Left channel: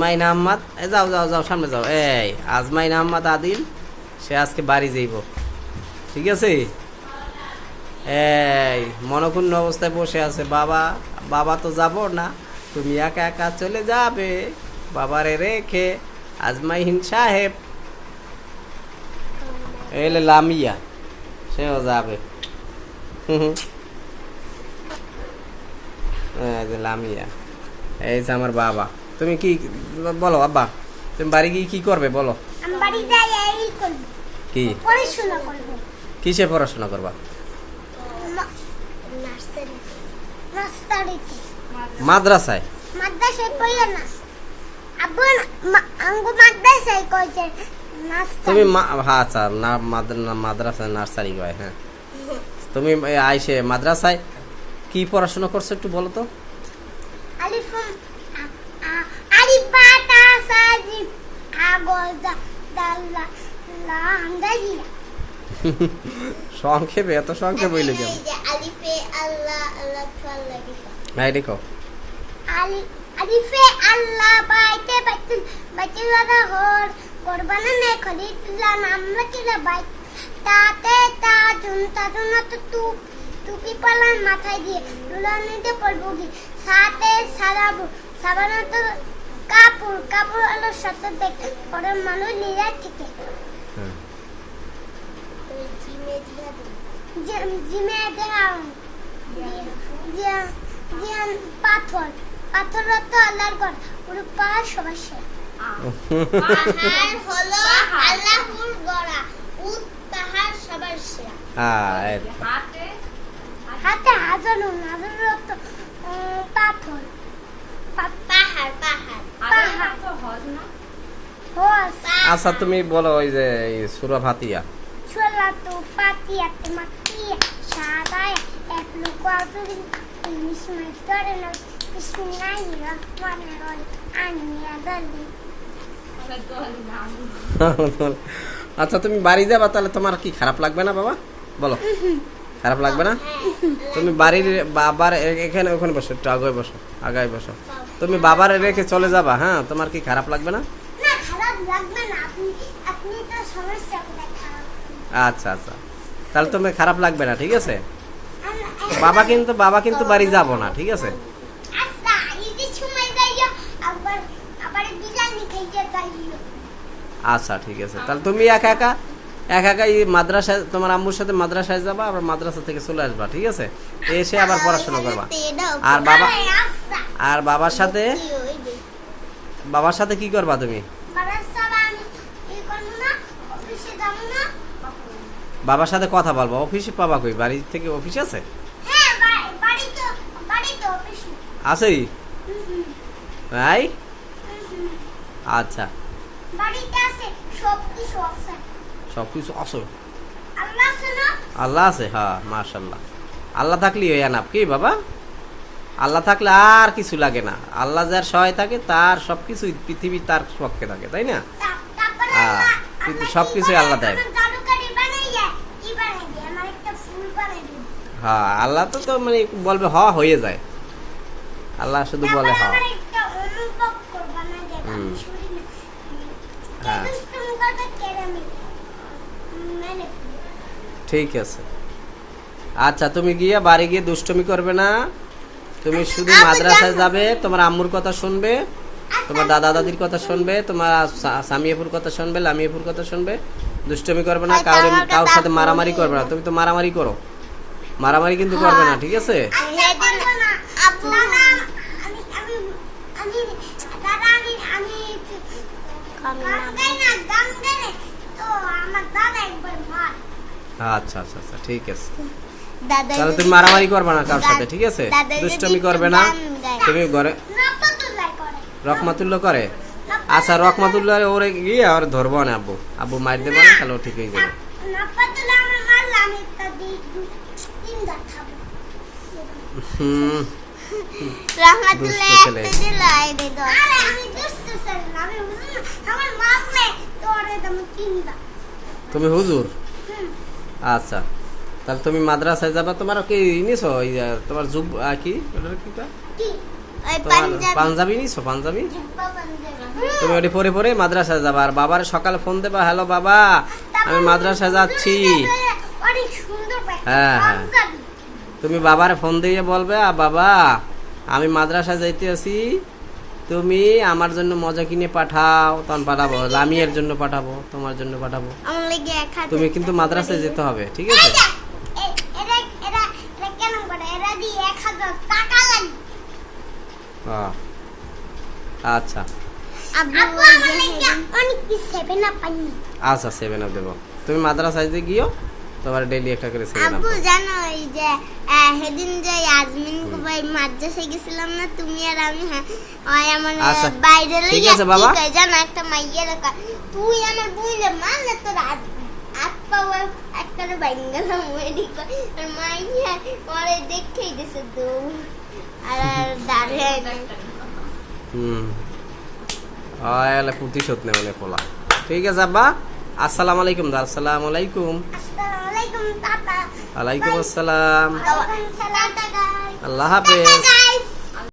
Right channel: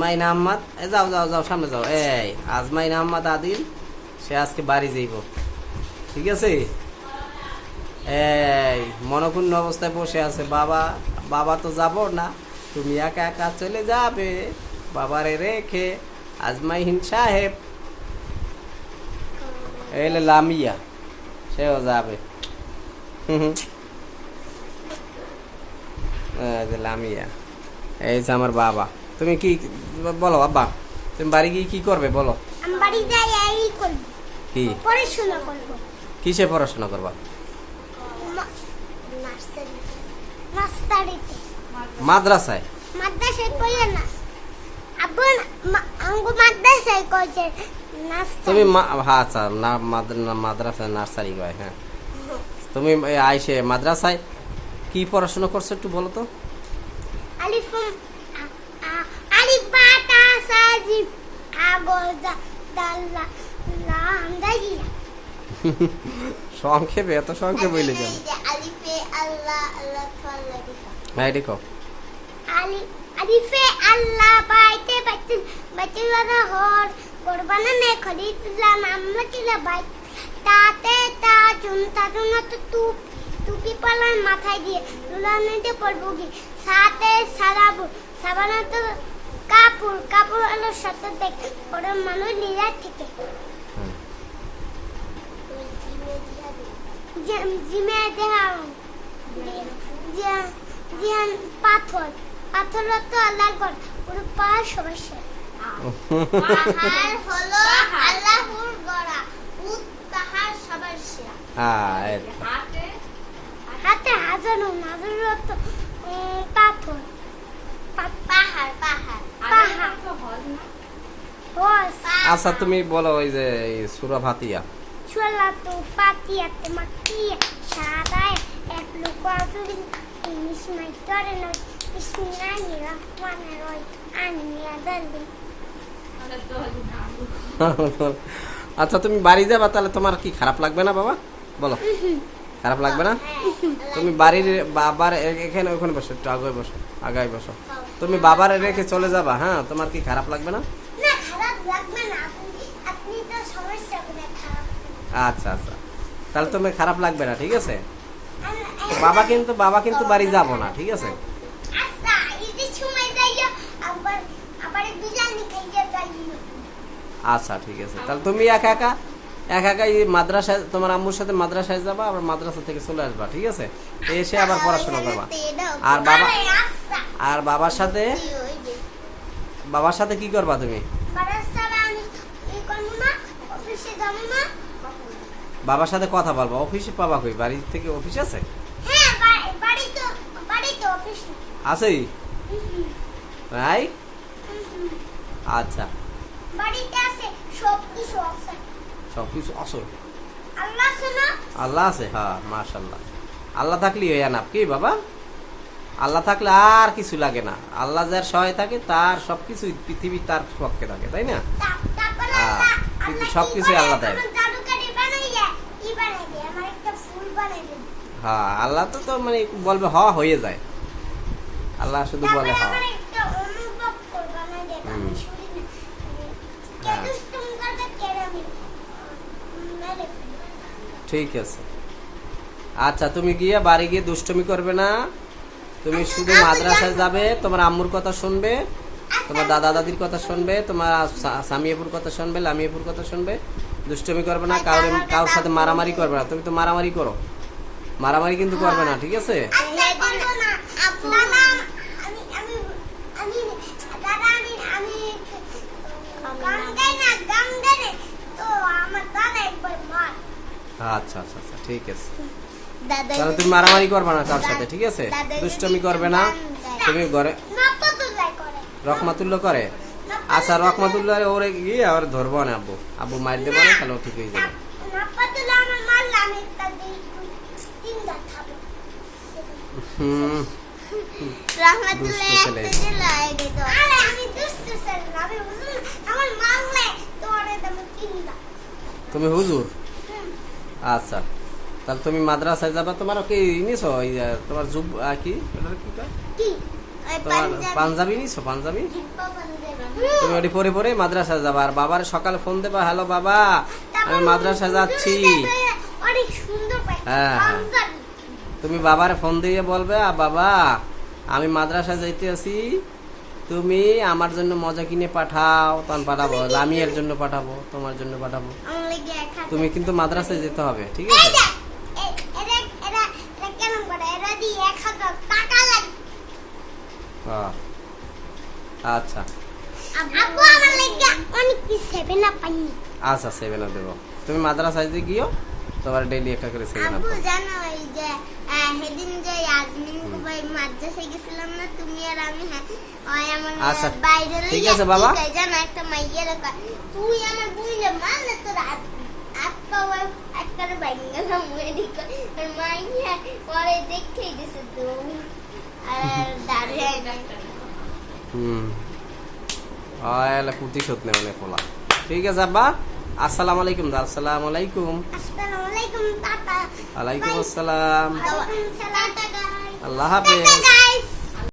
মাইনা আহমদ, যাও যাও যাও সামনে যাও। এই আজমাইনা আহমদ আদিল, সে আজকে বাড়ি যাইব, ঠিক আছে? এই মনক্ষুণ্ণ অবস্থায় বসে আছে। বাবা বাবা তো যাব না, তুমি একা একা চলে যাবে বাবারে রেখে। আজমাইন সাহেব এলে লামিয়া, সেও যাবে। লামিয়া, এই যে আমার বাবা। তুমি কি বলো আব্বা, তুমি বাড়ি গিয়ে কি করবে বলো? কি কিসে পড়াশোনা করবা? মাদ্রাসায়? তুমি আচ্ছা মাদ্রাসায় নার্সারি কয়। হ্যাঁ, তুমি আইসে মাদ্রাসায় কি পড়াশোনা করছো একটু বলো তো? সংক্ষেপে, এত সংক্ষেপ বইলে কেন? হ্যাঁ দেখো, আলিফে আল্লাহ বাইতে বাইতুল বাইতুল হর কুরবানা নে খলিতুল্লাহ আমরা কিলা বাইত তাতে তাজুন তাজুন তো টুপি পালান মাথায় দিয়ে দুলানিতে পড়বো কি সাথে সারাবো সাবানা তো কাপড় কাপড় আলো সাথে দেখ পরে মানুষ লিরা ঠিক। হ্যাঁ জিমে দেখাও জিয়ান পাথর পাথর তো আল্লাহর ঘর পুরো পাহাড় সবার সে পাহাড় হলো আল্লাহর গড়া উত পাহাড় সবার সে। হাতে হাতে হাজারো হাজারো তো পাথর পাহাড় পাহাড় পাহাড় তো হজ না হজ। আচ্ছা তুমি বলো ওই যে সূরা ফাতিহা। সূরা তো ফাতিহা তে মাক্কিয়া সাদায় এক লোক আজুরি মিসমাই তরে না বিসমিল্লাহির রহমানির রহিম আনিয়া দালি। আচ্ছা তুমি বাড়ি যাবা, তাহলে তোমার কি খারাপ লাগবে না বাবা বলো? খারাপ লাগবে না? তুমি বাড়ির বাবার এখানে ওখানে বসো, একটু আগায় বসো, আগায় বসো। তুমি বাবার রেখে চলে যাবা, হ্যাঁ? তোমার কি খারাপ লাগবে না? না খারাপ লাগবে না, আপনি তো সমস্যা করে খারাপ। আচ্ছা আচ্ছা, তাহলে তুমি খারাপ লাগবে না, ঠিক আছে? বাবা কিন্তু বাড়ি যাব না, ঠিক আছে? আচ্ছা এই সময় যাইয়া আবার আবার বিরিয়ানি খাইতে যাইও। আচ্ছা ঠিক আছে, তাহলে তুমি একা একা এই মাদ্রাসায় তোমার আম্মুর সাথে মাদ্রাসায় যাবা, আবার মাদ্রাসা থেকে চলে আসবা, ঠিক আছে? এসে আবার পড়াশোনা করবা। আর বাবার সাথে কি করবা তুমি? বাবার সাথে কথা বলবা। অফিসে পাবা কই? বাড়ি থেকে অফিস আছে? আছেই তাই? আচ্ছা সবকিছু আছে, আল্লাহ আছে। হ্যাঁ মাশাআল্লাহ, আল্লাহ থাকলেই হয় না কি বাবা? আল্লাহ থাকলে আর কিছু লাগে না। আল্লাহ যার সহায় থাকে তার সবকিছু পৃথিবী তার পক্ষে থাকে, তাই না? কিন্তু সবকিছু আল্লাহ দেয়। হ্যাঁ আল্লাহ তো মানে বলবে হ হয়ে যায়, আল্লাহ শুধু বলে হ। হ্যাঁ ঠিক আছে। আচ্ছা তুমি গিয়ে বাড়ি গিয়ে দুষ্টুমি করবে না, তুমি শুধু মাদ্রাসায় যাবে, তোমার আম্মুর কথা শুনবে, তোমার দাদা দাদির কথা শুনবে, তোমার সামিয়াপুর কথা শুনবে, লামিয়াপুর কথা শুনবে। দুষ্টুমি করবে না, কারোর সাথে মারামারি করবে না। তুমি তো মারামারি করো, মারামারি কিন্তু করবে না, ঠিক আছে? আচ্ছা আচ্ছা আচ্ছা ঠিক আছে, তাহলে তুমি মারামারি করবে না কারোর সাথে, ঠিক আছে? দুষ্টুমি করবে না। তুমি ঘরে রহমাতুল্লাহ করে। আচ্ছা রহমাতুল্লাহ ওরে গিয়ে আর ধরবো না, আব্বু মার দেবো না, তাহলে ঠিক হয়ে যাবে। দুষ্ট ছেলে। তুমি হুজুর? আচ্ছা তাহলে তুমি মাদ্রাসায় যাবা। তোমার কি নিছো তোমার জুব কি কি কয় ওই তোমার পাঞ্জাবি পাঞ্জাবি নিছো? পাঞ্জাবি জিব্বা পাঞ্জাবি তুমি ওটি পরে পরে মাদ্রাসায় যাবা, আর বাবার সকালে ফোন দেবা, হ্যালো বাবা আমি মাদ্রাসায় যাচ্ছি। অনেক সুন্দর হ্যাঁ, হ্যাঁ। পাঞ্জাবি তুমি বাবার ফোন দিয়ে বলবে, বাবা আমি মাদ্রাসায় যাইতে আছি, তুমি আমার জন্য মজা কিনে পাঠাও। তখন পাঠাবো, লামিয়ার জন্য পাঠাবো, তোমার জন্য পাঠাবো। আমার লাগি 1000 তুমি কিন্তু মাদ্রাসায় যেতে হবে, ঠিক আছে? এরা কেন করে এরা দি 1000 টাকা লাগে। আহ, আচ্ছা আপু আমার লাগি অনেক কি 7 আপ পানি। আচ্ছা 7 আপ দেবো। তুমি মাদ্রাসায় যে গিয়েও তোমার ডেইলি একটা করে 7 আপ আপু জানো এই যে সেদিন যে আজমিন ভাই মাদ্রাসায় গেছিলাম না তুমি আর আমি, হ্যাঁ ওই আমার আচ্ছা, বাইরে ঠিক আছে বাবা। জানো একটা মাইয়ের তুই আমার বুঝলে মানে তোর আত্মা একটা বাইঙ্গালাম মেডিকা আর মাইয়া ওরে দেখেই দিছে দৌড় আর দাঁড়িয়ে এলা প্রতিশোধ নেই মানে পোলা। ঠিক আছে আব্বা, আসসালামু আলাইকুম। আসসালামু আলাইকুম। আসসালামু আলাইকুম তাতা। ওয়ালাইকুম আসসালাম। ওয়ালাইকুম সালাম টাটা। আল্লাহ হাফেজ।